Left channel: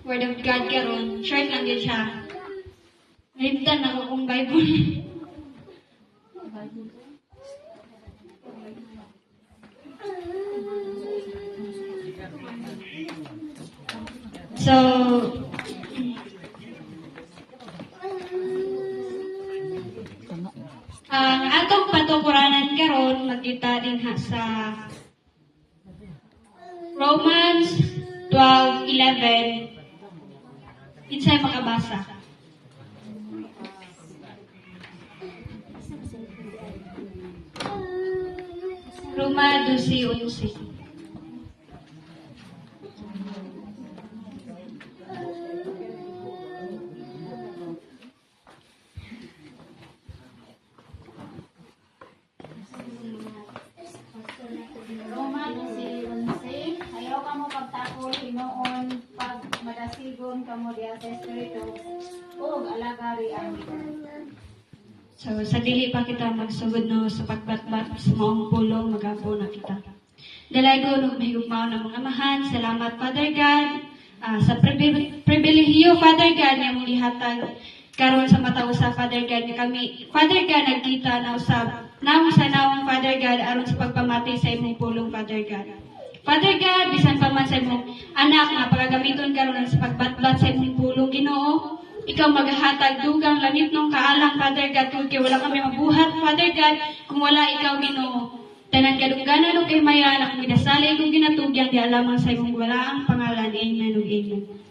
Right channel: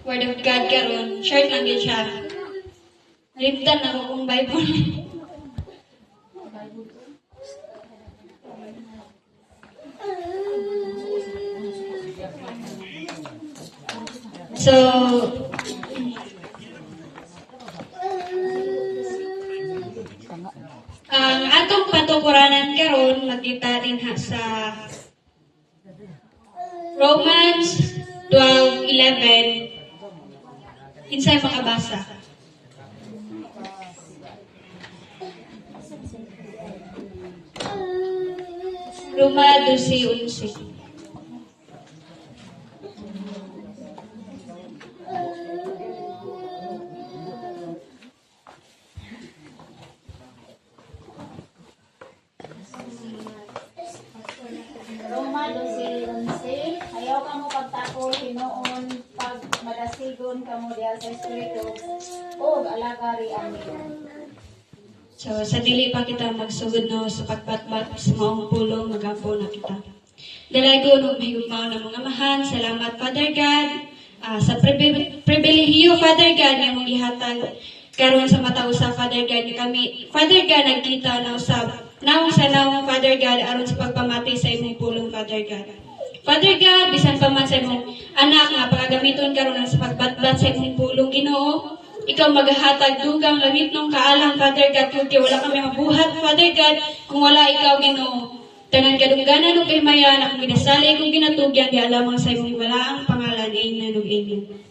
Word of God karon, short lang din siya. Nalimtan ako kung Bible. So, ang atong patungkuranan karon makita din ha sa Romans 12:11. Insay makabasa. Roma 12:11. Roma 12:11. Ayaw ka mo pagtakol hinoon pag madasigon ka mo diha sa espiritu ug alagari amin. So, sa dili pa kita magsugod no sa pagbatbat sa maong pulong, magapo na kita. Dalago no mahigugmaw na mga amahan, salamat Father God, sa pribilehiyo Father God na mong gihatag karon sa mata usa Father God ni kami. Father God nagkita na usab nawong sa nawong Father God aron sa pagpamati sa imong pulong Father God. Father God, bisan pa man sa imong anak nga pagagamiton karon sa pagbatbat sa imong pulong Ginoo, ikaw maghahatag dugang langit nung kaalang, Father God, kung wala kami mabuhat, Father God, kung wala ikaw, Ginoo. Tanan kadungganan o kay maya, na kami nasali kung ginatugyan, di alamang sa imong wala ang pangalan, amen ug amen.